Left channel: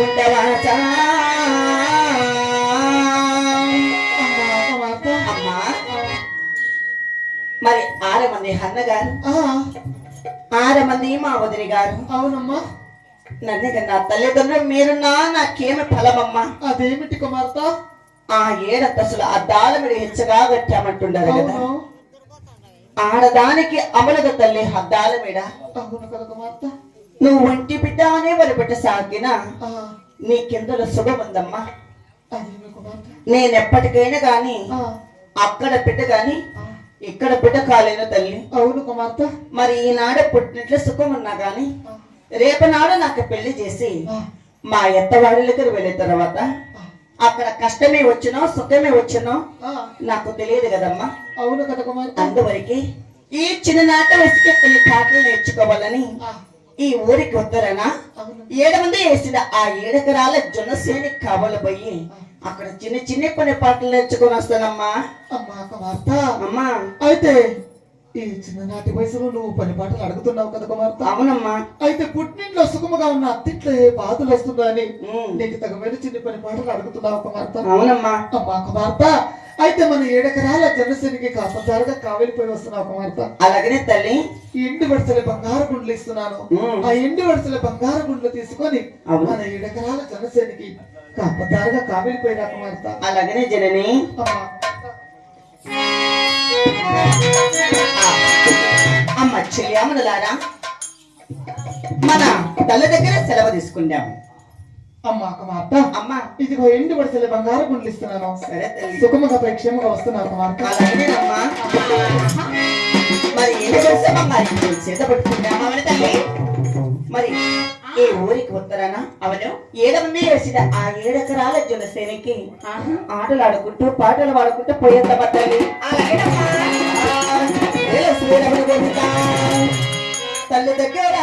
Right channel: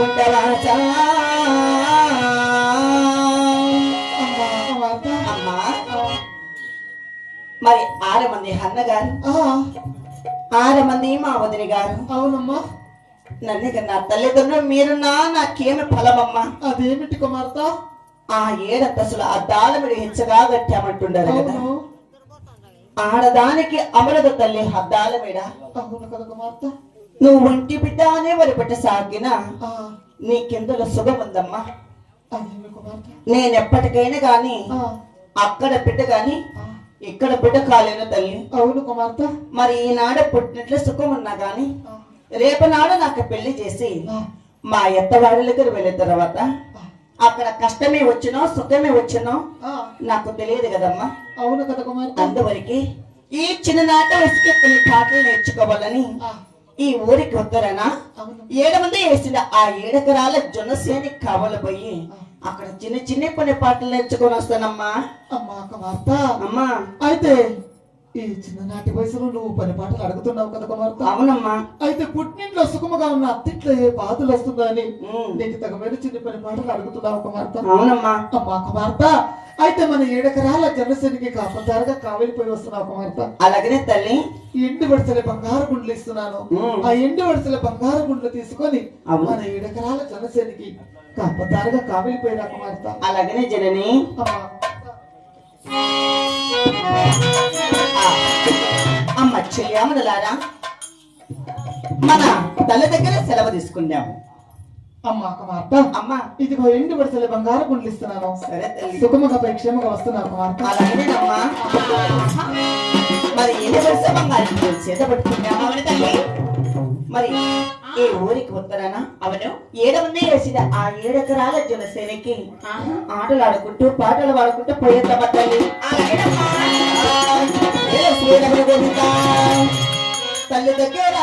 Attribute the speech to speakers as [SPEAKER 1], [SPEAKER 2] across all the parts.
[SPEAKER 1] పుట్టరాజా. మరి ఆరు మంది అన్న
[SPEAKER 2] గారు
[SPEAKER 1] ఆరు మంది మా వదిలి గారు.
[SPEAKER 2] అవునమ్మా.
[SPEAKER 1] నన్ను కన్నా తల్లిదండ్రులు మీరున్నా నాకేమి ఫలమమ్మా?
[SPEAKER 2] అదేమిటి కుమార్త?
[SPEAKER 1] ఆ ఏడంతసులు అద్దాల మీరు హెచ్చగా పెట్టామంటుండారు కదా. ఆడదానికి అమలద తల్లి అద్దాల మీద.
[SPEAKER 2] అవును కదా కుమార్తె.
[SPEAKER 1] నువ్వు ఒంటి బిడ్డ అనే వరి బిడ్డ సాగిన
[SPEAKER 2] ఆ,
[SPEAKER 1] నీకెందులో సుఖం ఉందమ్మా నేను ఎప్పటికైనా గాని అక్కడ బిడ్డ గాని ఇక్కడ బిడ్డ కాలేను తల్లి.
[SPEAKER 2] అవును కుమార్తె
[SPEAKER 1] మరి ఈనాడు పుట్టినట్లు సుఖం ఉన్నా గాని రేపనాడు నాకు పెళ్ళి చేసి మా ఎత్తవాడి దగ్గర వెళ్ళిన తర్వాత అక్కడ కష్టమే వచ్చినో సుఖమే వచ్చినో నాకు తెలియదు కదమ్మా.
[SPEAKER 2] అవును కదా కుమార్తె.
[SPEAKER 1] అందువరకు ఈ చిన్ననాట వయసుకి కొన్ని పాటలు నేర్చుకోవాలని ఈ ఊరికి వద్దరనా
[SPEAKER 2] అవును.
[SPEAKER 1] ఏడు మంది వేసిన ఆ ఏడెకరాల జొన్నసేని కావలపోయి అక్కడ చిన్న చిన్న కొన్ని పాటలు నేర్చుకొని వస్తానమ్మా.
[SPEAKER 2] అమ్మా కుమార్తె
[SPEAKER 1] అమ్మా.
[SPEAKER 2] అయితే ఈ చిన్ననాటి వయసులో నువ్వు పని పాటలు అడుగుతున్నావు కదా కుమార్తె
[SPEAKER 1] అవునమ్మా.
[SPEAKER 2] అయితే పుట్టింట్లో సుఖముగా ఉన్న అత్తింట్లో ఏ బాధలు వస్తుందని నీకు తగమైన చిన్న పని పాటలు అడుగుతున్నావు కుమార్తె
[SPEAKER 1] అవునమ్మా.
[SPEAKER 2] అమ్మా కుమార్తె అయితే మన ఏడెకరాల జనసేనకి కాపదారుగా కావలిపోయి వస్తున్నావు కుమార్తె.
[SPEAKER 1] అలాగనే తల్లి.
[SPEAKER 2] ఎండు వరుసల బంగారు గుండ్లు ఇస్తున్నాను. ఆ ఎండు వరుసల బంగారు గుండ్లు తీసుకొని. మన ఏడెకరాల జనసేనకి కాపదారుగా కావలిపోయినా కుమార్తె.
[SPEAKER 1] అలాగనే జనని.
[SPEAKER 2] అమ్మ.
[SPEAKER 1] చెయ్యాములారా మన తల దగ్గర సెలవు తీసుకున్నాము
[SPEAKER 2] అమ్మా కుమార్తె
[SPEAKER 1] అమ్మ.
[SPEAKER 2] ఇదిగో ఎండు వరుసల బంగారు గుండ్లు ఇస్తున్నాను
[SPEAKER 1] సరే. తల్లి
[SPEAKER 2] సుఖముగా క్షేమంగా వస్తున్నావు కుమార్తె
[SPEAKER 1] అలాగేనమ్మా మరి ఏం చేస్తామమ్మా చేత పట్టుకున్నామా తల్లి. మరి ఈ ఊరికి ఉత్తరాన అవను. ఏడమంది వేసిన ఆ ఏడెకరాల జనసేనకి ఆటలు ఆడుకుంటూ పాటలు పాడుకుంటూ పోయేద్దామా తల్లి? ఏల శ్రీరమణ గోవిందా. తల్లి దగ్గర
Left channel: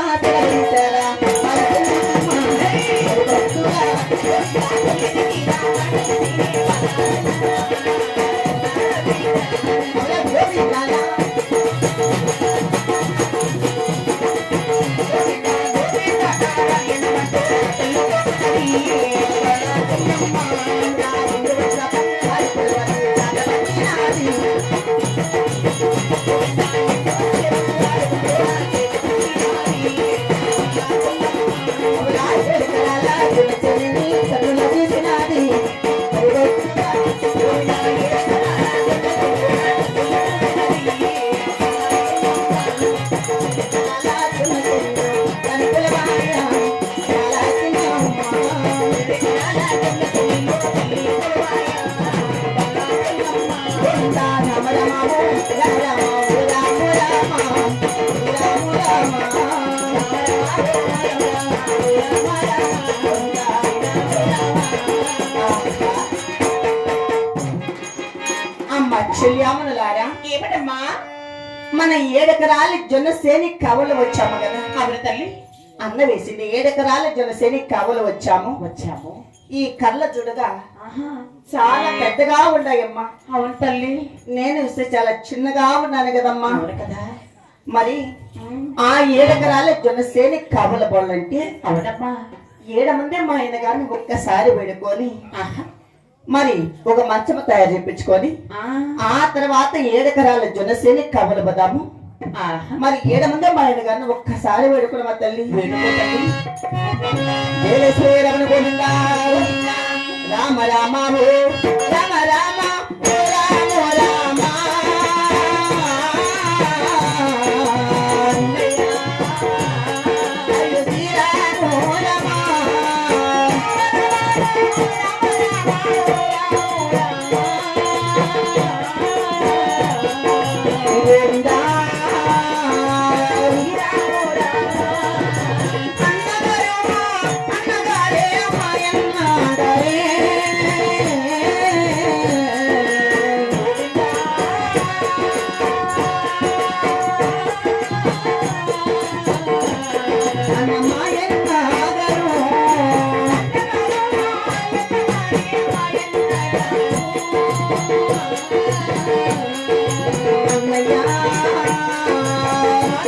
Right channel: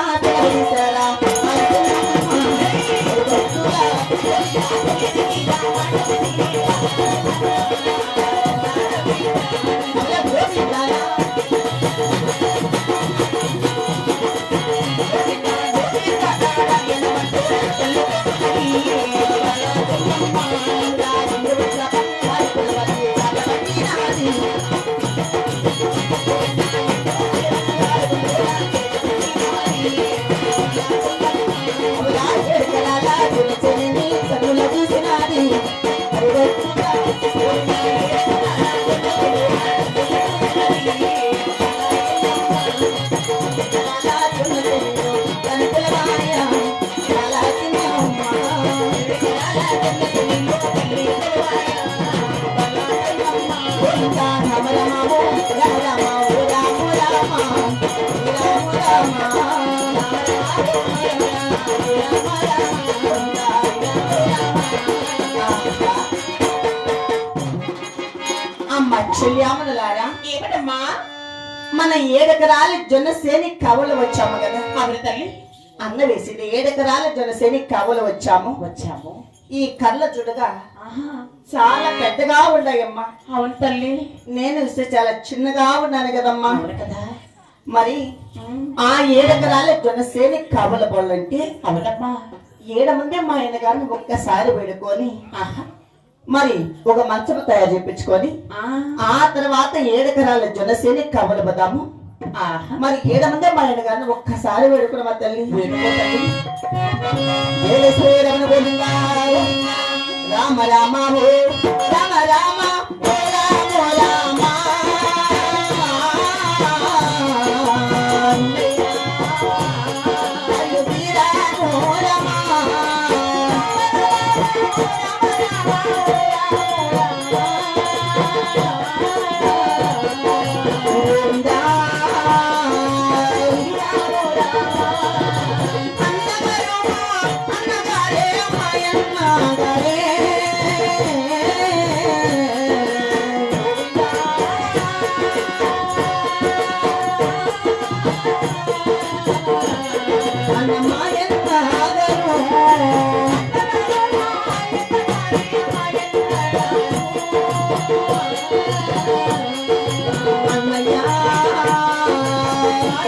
[SPEAKER 1] ಕರುಣೆ చెల్లియామనులారా
[SPEAKER 3] ఏమిటమ్మా
[SPEAKER 1] మన ఏడెకరాల జొన్నసేని కవలు వచ్చాము కదా.
[SPEAKER 3] తల్లి.
[SPEAKER 1] అన్న వేసింది ఏడెకరాల జొన్నసేని కవలు వచ్చాము.
[SPEAKER 3] వచ్చాము.
[SPEAKER 1] ఈ కళ్ళ చూడగా చాలా పెద్దగా ఉన్నాయమ్మా
[SPEAKER 3] అవును తల్లి.
[SPEAKER 1] నేను ఇస్తే చాలా చిన్నగా ఉన్నాను కదమ్మా.
[SPEAKER 3] కదా.
[SPEAKER 1] మరి ఆ ఏడెకరాల జొన్నసేని కవల బోళ్ళంటే
[SPEAKER 3] అవునమ్మా.
[SPEAKER 1] ఏడు మంది మా ఆయన గారిని ఒక్కసారి వేడుకొని
[SPEAKER 3] ఆహా.
[SPEAKER 1] మరి ఒక మంచము తయారు చేయించుకొని
[SPEAKER 3] ఆ,
[SPEAKER 1] తర్వాత ఏడెకరాల జొన్నసేని కవల
[SPEAKER 3] ఆహా
[SPEAKER 1] మరి ఏడు మంది మా ఆయన గారిని ఒక్కసారి వేడుకున్న మా తల్లి. రామ రామ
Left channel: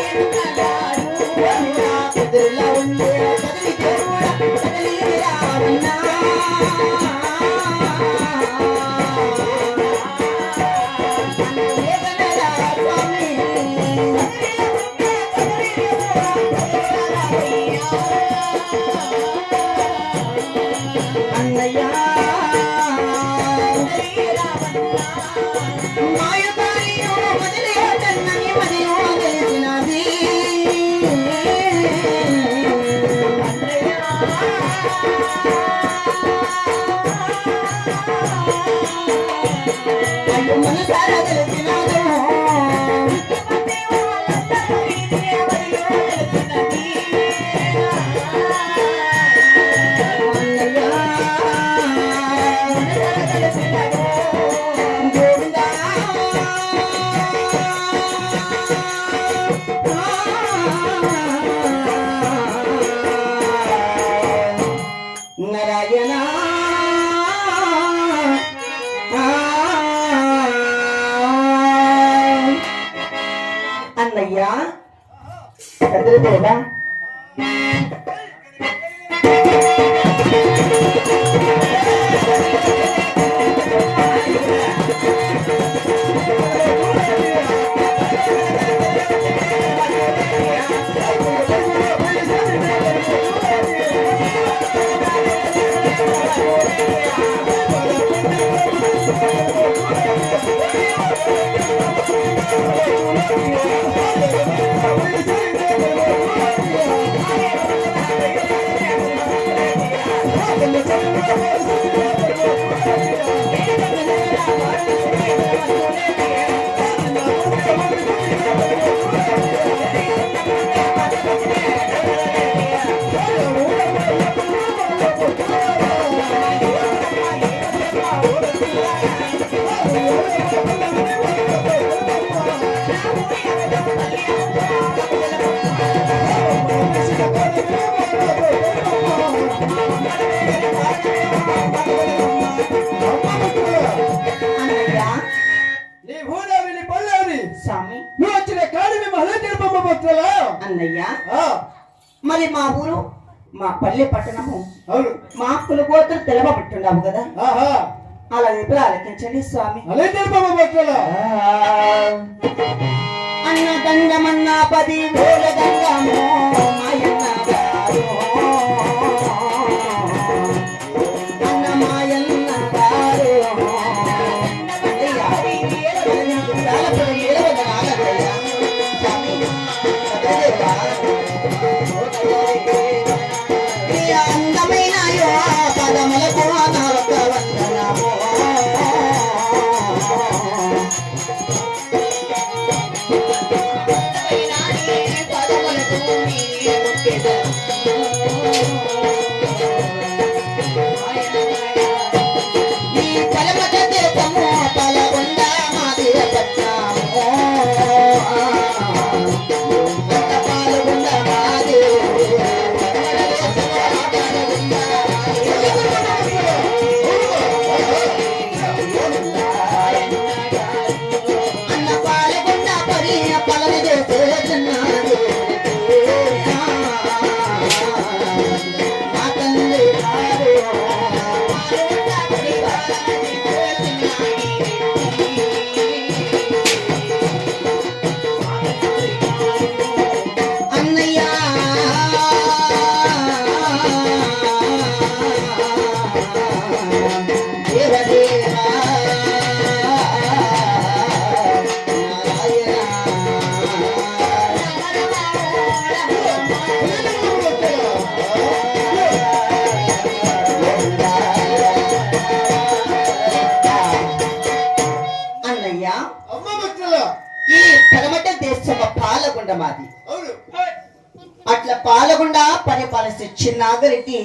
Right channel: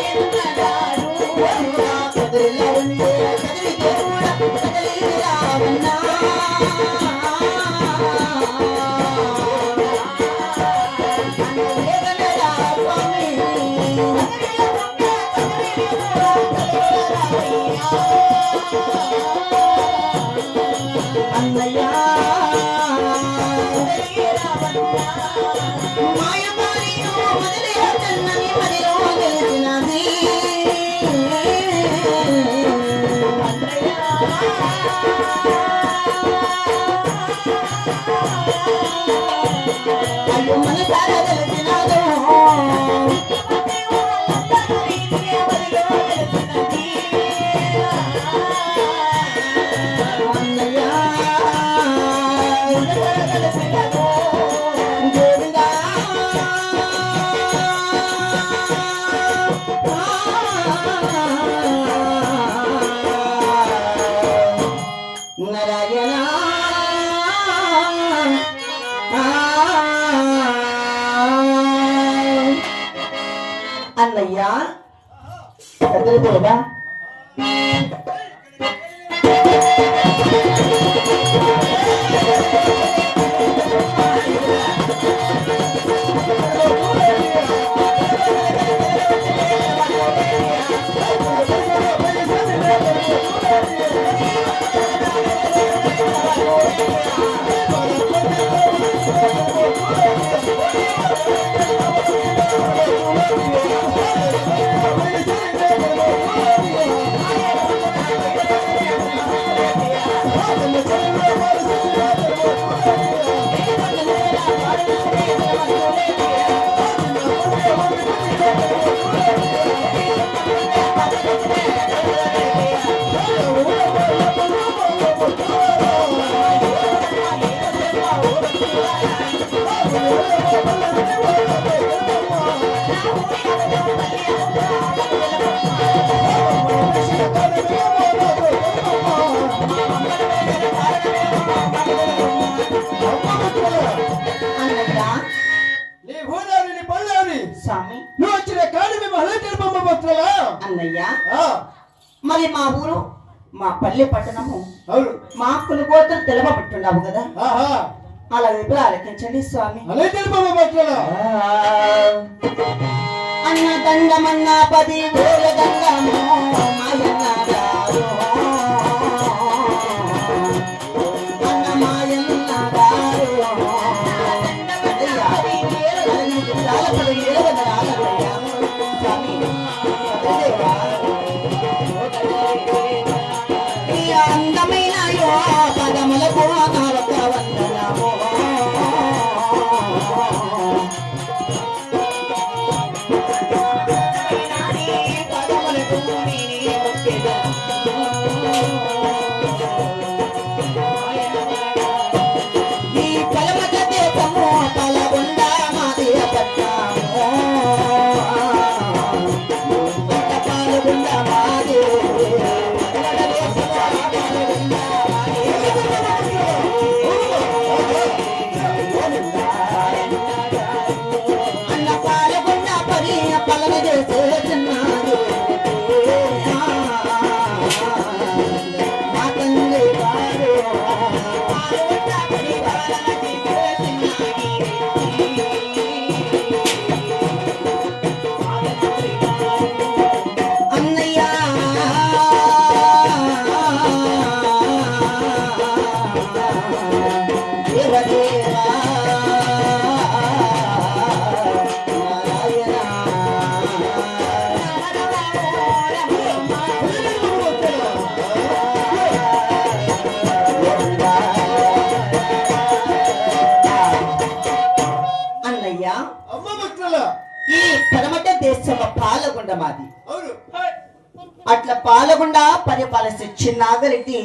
[SPEAKER 1] స్వామి Gotta live అన్నయ్య కదిలిపోదా అన్నయ్య
[SPEAKER 4] Thank you.
[SPEAKER 1] అన్నయ్య. మరి మా ఊరు మా పల్లె పట్టణము
[SPEAKER 4] అవును.
[SPEAKER 1] మా కులగోత్రం తెలవబట్టున్నావు కదా.
[SPEAKER 4] ఆహా.
[SPEAKER 1] అలా ఎప్పుడు ఆలకించండి స్వామి. అన్న దండమన్న పది వేల దండము మాది
[SPEAKER 4] అవును
[SPEAKER 1] అట్లా పాలగుండ పరిపాలిస్తే చిన్నాగరెడ్డి